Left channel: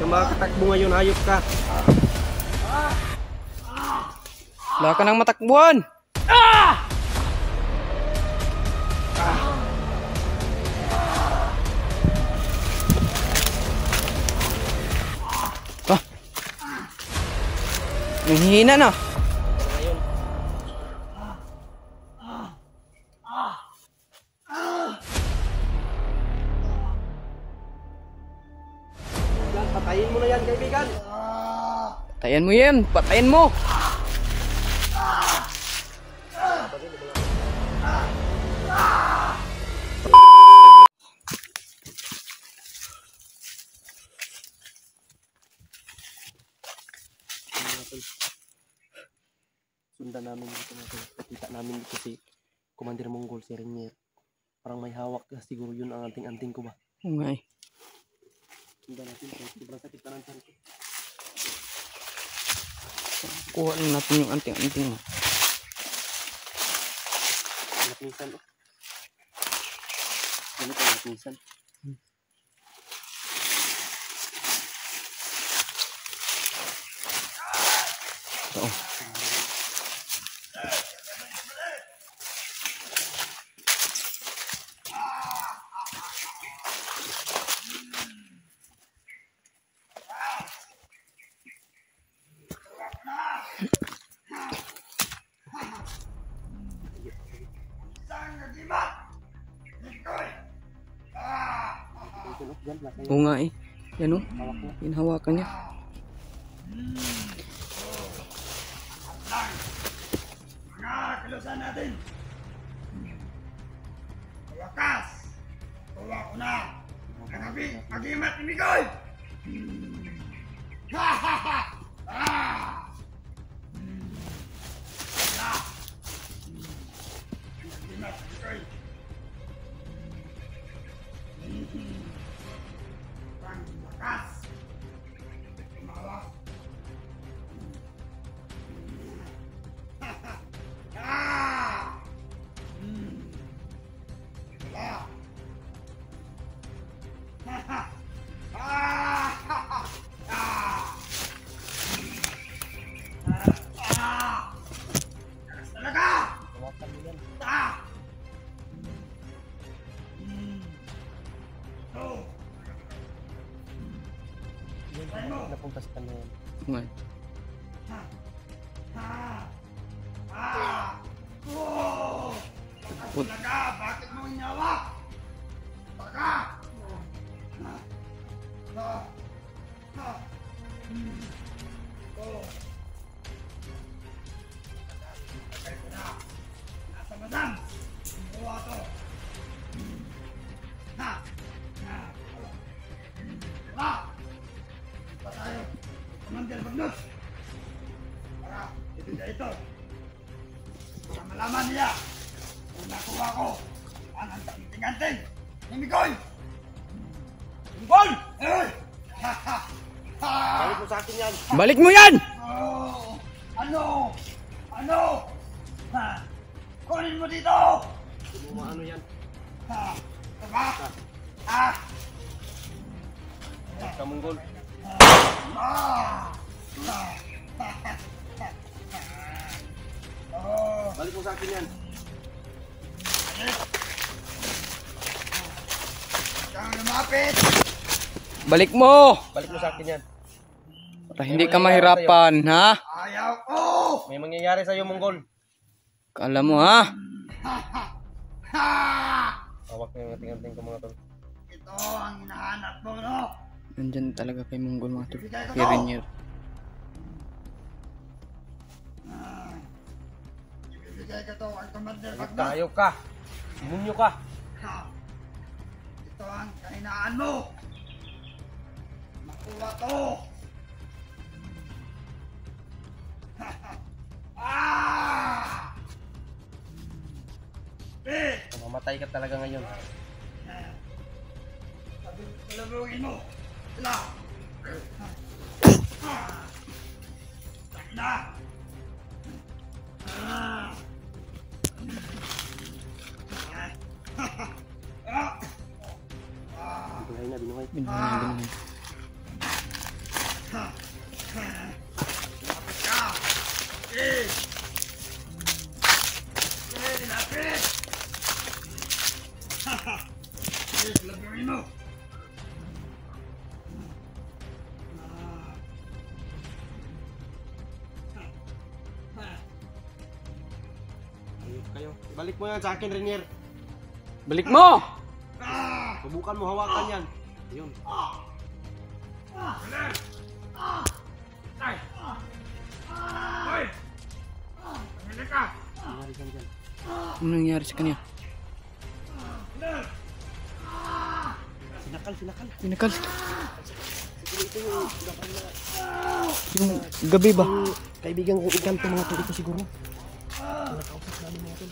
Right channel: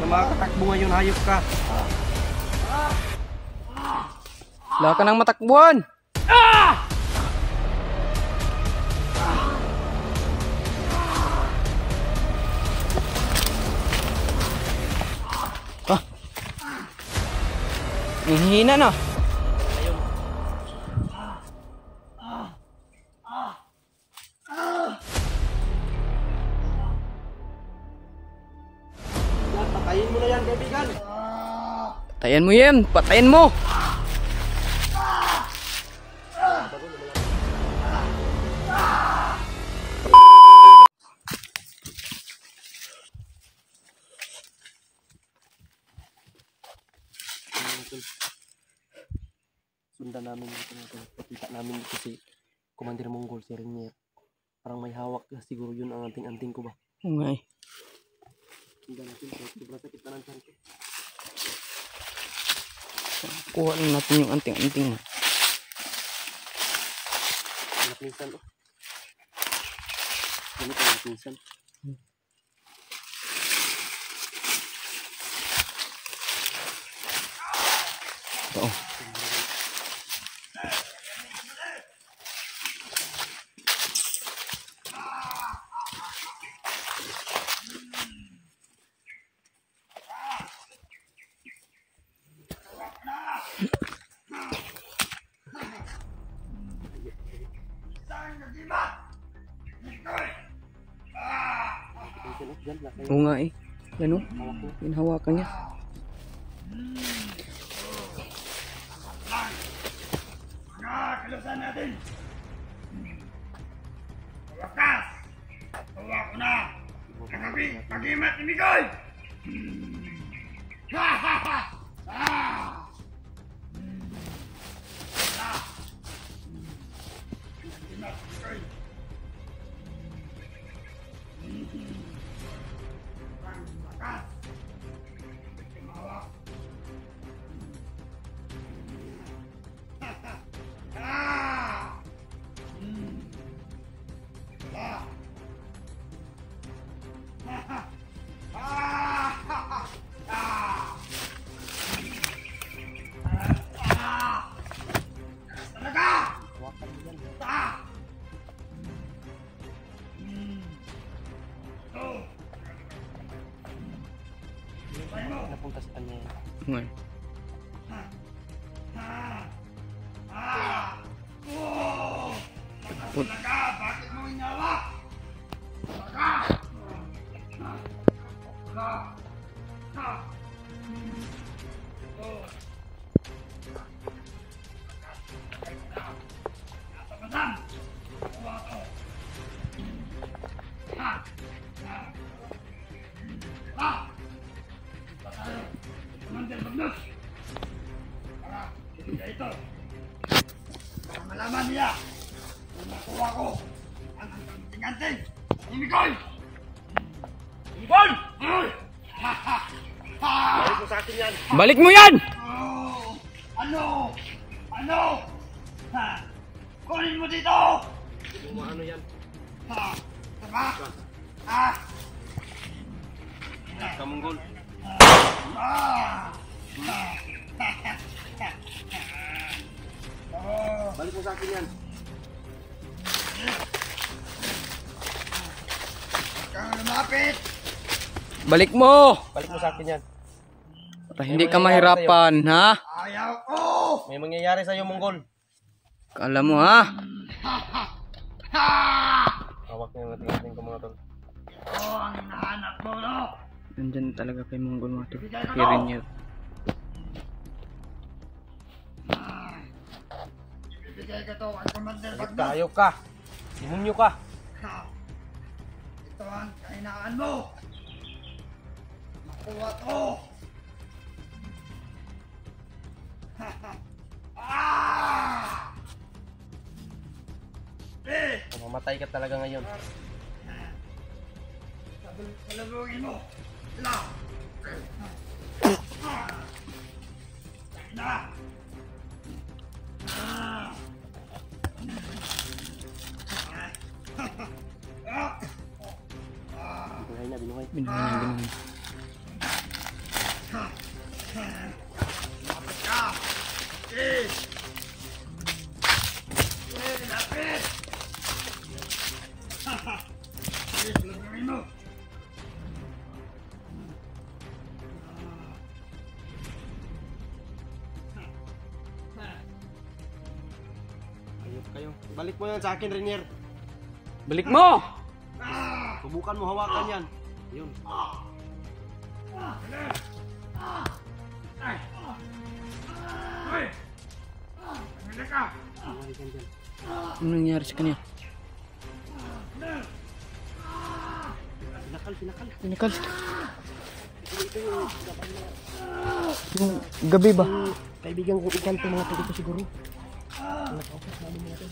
Na makatakbo ngayon, hayop ka. Wala ka nang matakbuhan. Nanghihina na. Patayin mo na yan, kaibigan. Patayin mo yan. Patayin mo. Sundan namin dito natin. Nakita namin dito si Commander Monggol, si Renier. Parang may hawak ka. Siguro yun ang anting-anting ko ba? Oo nga eh. Sundan natin. Sobrang sakit na ng tiyan ko. Kuha lang natin yung anting-anting. Anak minsan, oh. Ganito anak minsan. Oo. Oo nga eh. Yan o. Hinahawakan niya. Mga kalusan natin. Wakas. Tuwa ko na. Ang mag-imat ni Mikoy. Ha ha ha. Mag-imat ni Mikoy. Ang wakas. Tumawak. Napunta sa kanya yan. Oo nga eh. Talaga, bakit mo inawak? Talaga! Nasa madam! Nakuha to! Punta tayo! Commander Magnus! Para ibigay ito! Para malaman niya! Kung nakuha ko ang anting-anting ni Mikoy! Mikoy! Balik mo sa akin yan. Balik mo yan! Oh, ano? Ano? Ha? Kunin mo dito! Ano yan? Ha? Tama? Ha? Ka Monggol. Balik mo sa akin yan. Kang lumapit! Balik mo! Balik mo sa akin yan. Para hindi ka mahirapan, ha? Ayaw ko! May mangyayari sa'yo, Monggol. Kala mo, ha? Hawak na yung ating-ating ko, mga tol. Ito ang hinahanap mo, no? Nandyan talaga kay Monggol, mga tol. Ibigay ko Kay to! Renier. Ibigay ko to ang Commander Magnus! Hayop ka. Demonyo ka. Ha? Ito ang kahinaan mo! Makuha to! Mamamatay ka talaga ngayon. Salubungin mo! Sila! Na! Binuhay na, binuhay. Binuhay. Lagyan mo. Ayun kayo. Balik mo yan sa akin, Rainier. Balik mo! Subukan mo hawakan yan. Yun. Ay! Hoy! Pumili ka! Nangyari ka dyan. Ano nangyari sa kanya? Sinakal. Pinakal. Yung gabi ba? Kaibigan kong ikanto mga ito dito siguro. Nakaupas namin mga ito.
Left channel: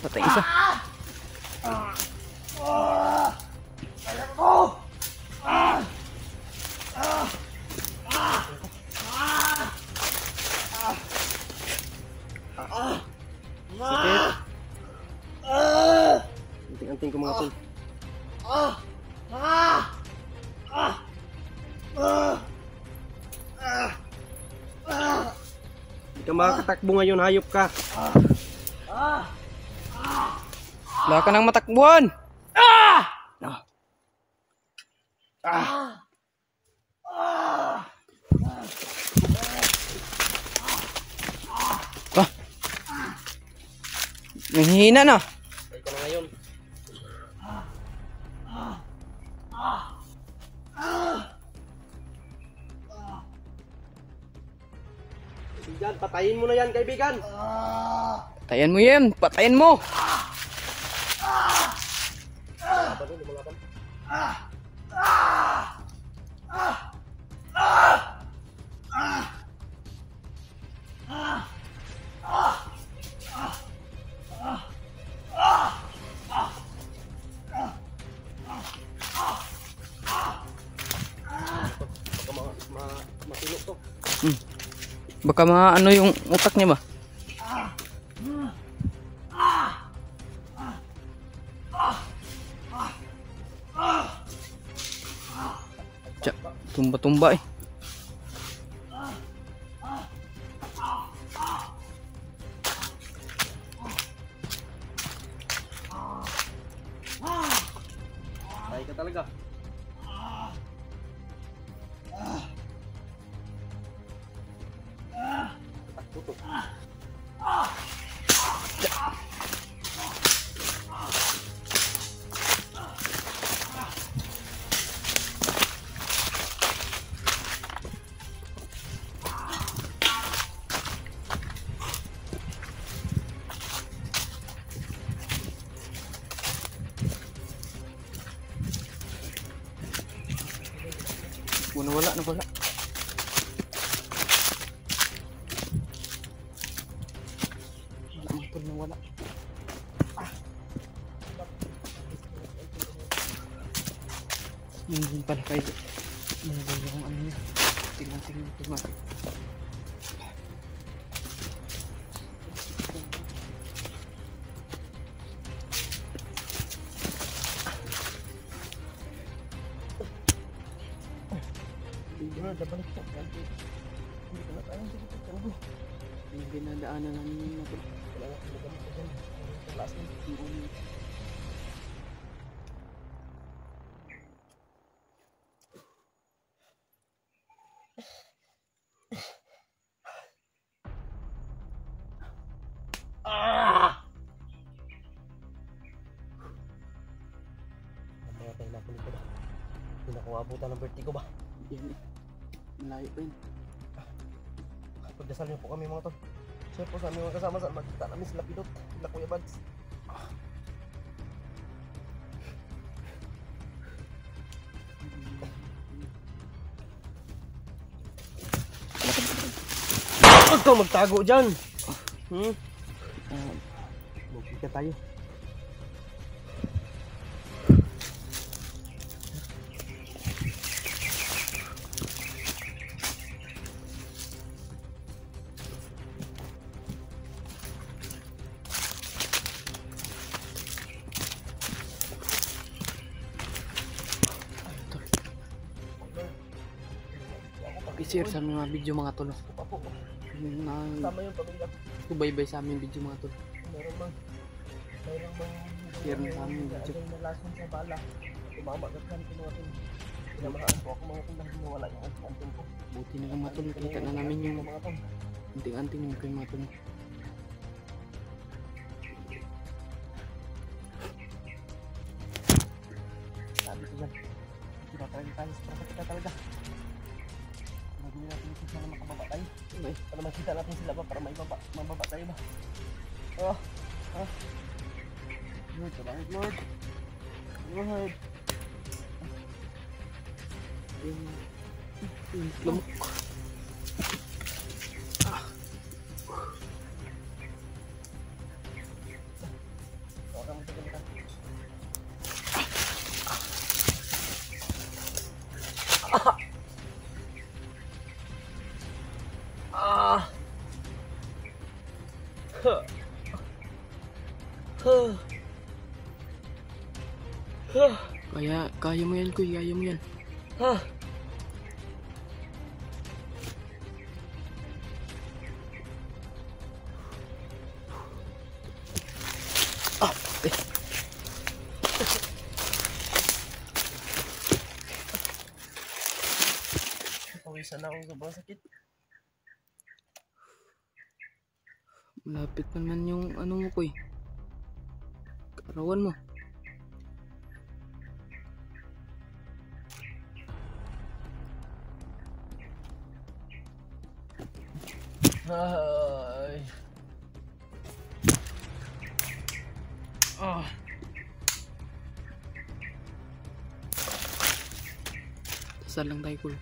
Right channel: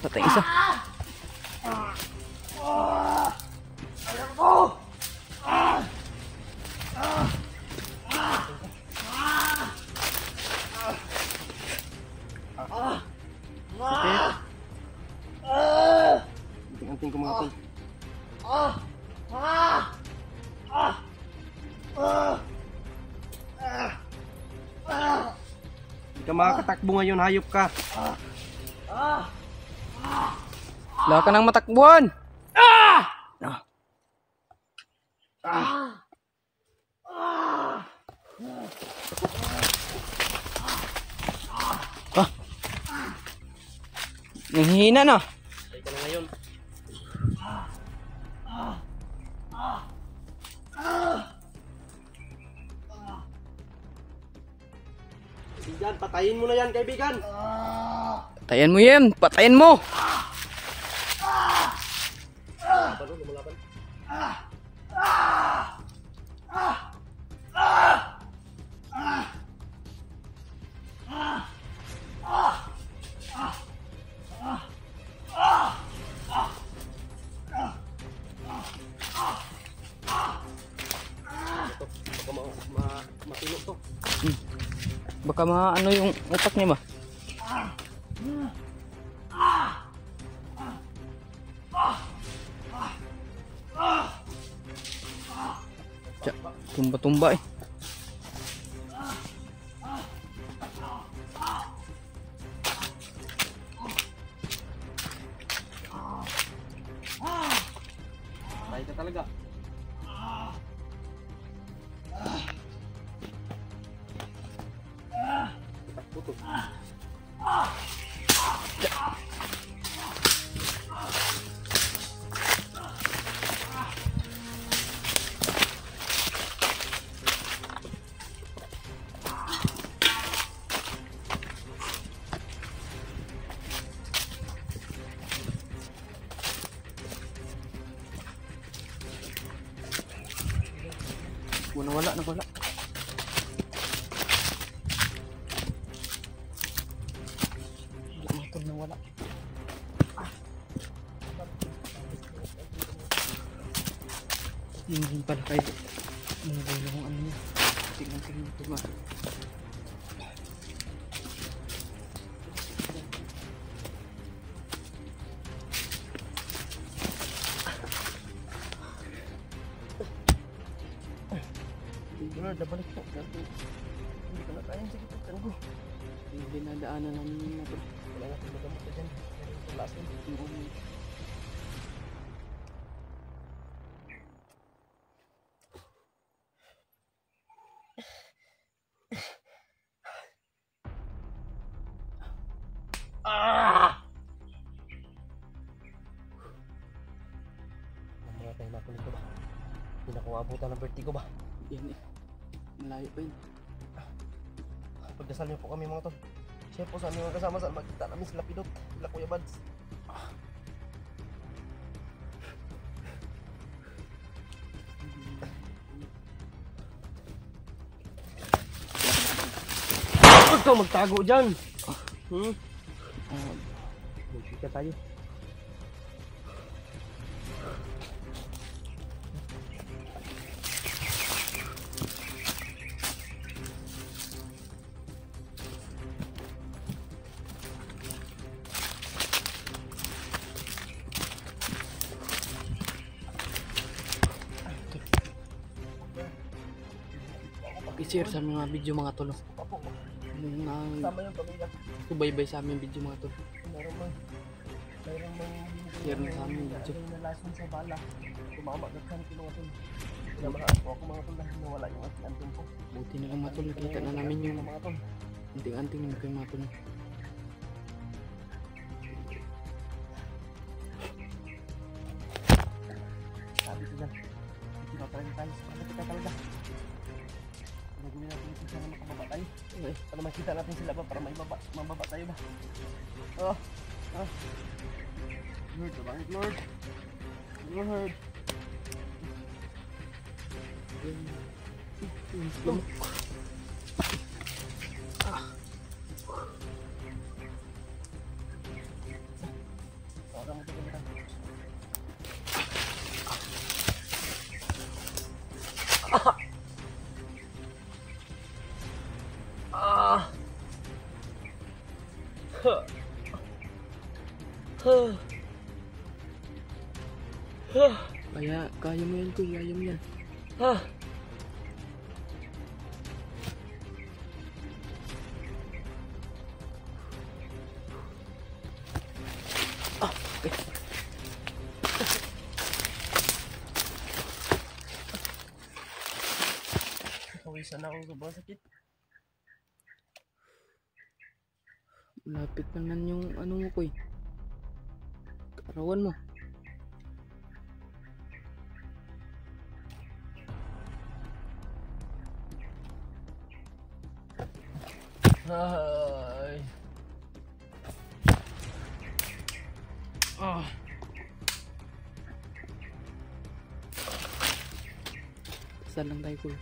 Patay isa. Sakit. Anting-anting ko mga tol. Hindi ka makakatakbo ngayon, hayop ka. Wala ka nang matakbuhan. Ah! Ah. Nanghihina na. Ay ka na ngayon. Kaibigan, patayin mo na yan, kaibigan. Patayin mo yan. Patayin mo. Matulog to. Baka ano yung utak niya ba? Tumba-tumba eh. Tayo ka talaga. Nawala. Motor nawala. Yun pala kayo. Nawala kung ano niya. Tingnan dito ba. Balik po. Hindi ka na tayong dito. Tango. Hindi nadaanan namin yung motor. Wala nga pinagamot ka dyan. Wala ka. Mamatay na ako nito ba? Hindi na ako abutan ng vertigo ba? Yan eh. Malayo pa yun. Pagdasal niyo po kami mga tol. Siya po sa aming mga kasama saan magkita namin sila Pidot, sila Kuya Bads. Ito, magtago dyan. Magkita tayo. Pakishare sa aming mga video mga tol. Papo. Yung Sama yung pamilya. subaybay sa aming video mga tol. Meron mang Share sa amin, video. Agay na lason sa bala. Tumama ka kan mga tol. Pinamahaan ko ako mga tol dahil nawala yung anting ko. Buti na lang mga tol, nakita na namin yung mga tol. anting-anting ng kayo mga tol. Sabi ko lang, tinatawag tayo sa para kita talaga. Gagawin natin ito sana makababa tayo. Okay. Para makita natin sila ba para may mababa tayo ba. Oh, ah. Lord, tabangit Lord. Lord. Yung slow. Okay, magtagal ka. Ah. Huh. Huh. Huh. Kaya mo yan kuy, kaya mo yan. Ah. Pawisan na akong sobrang sakit. Malapit pa naman yung ano mo kuy. Karawan mo. Ay. Ah. Dasal lang tayo kuy.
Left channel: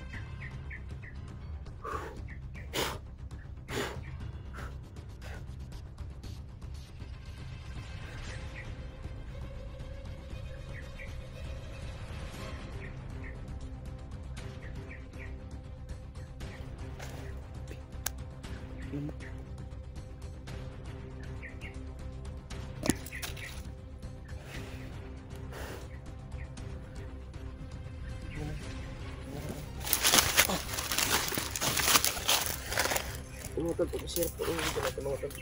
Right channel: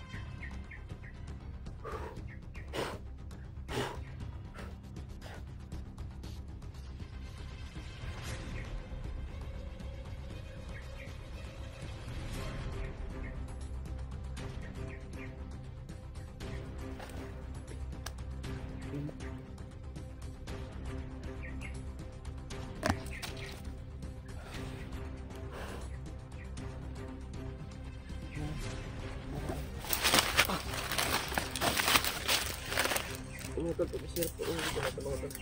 Mga tol, pag-share po yung video natin mga tol.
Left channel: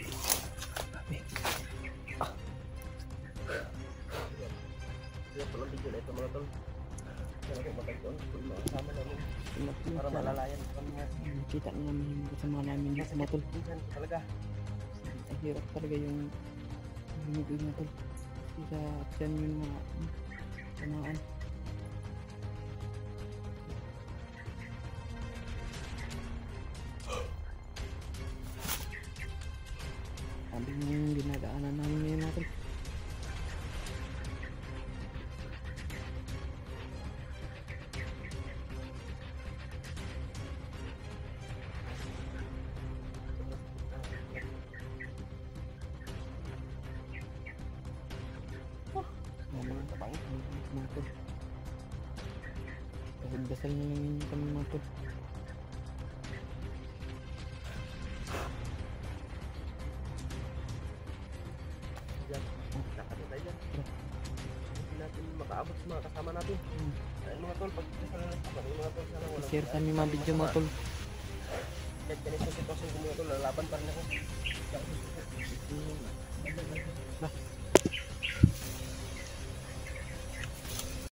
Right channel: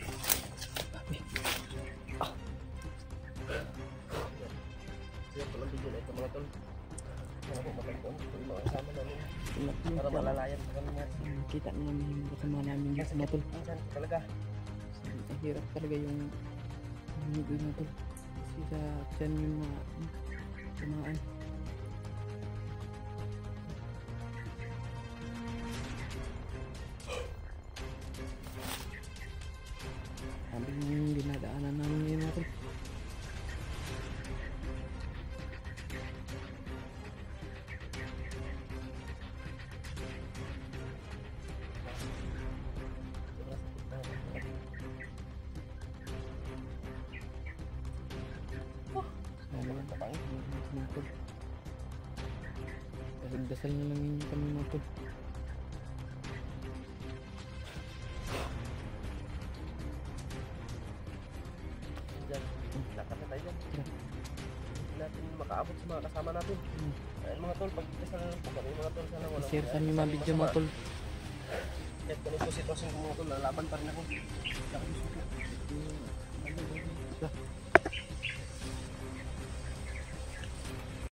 Share po lang video na ito mga tol. Sana po matagpuan po yung mga kasama namin. Para malalayan po kami nga. Kita na namin yung kasama namin dito mga tol. Minsan talaga. Ang hirap talaga yung hinigil na tol. Kasi sa tiyan yung mga tamaan. Sabi yung dinadaanan namin ngayon mga tol. Ano yan? Mga tol. Dasal na lang ninyo kami mga tol. Diyan. Lakad na tayo dyan. Hindi natin makaabot sa mga kasama natin. Ay, mga tol, pag-isa na lang po kami mga tol. Sana wala. I-share sa aming mga video mga tol. Kahit ganito sitwasyon ko mga tol, lalaban pa rin ako.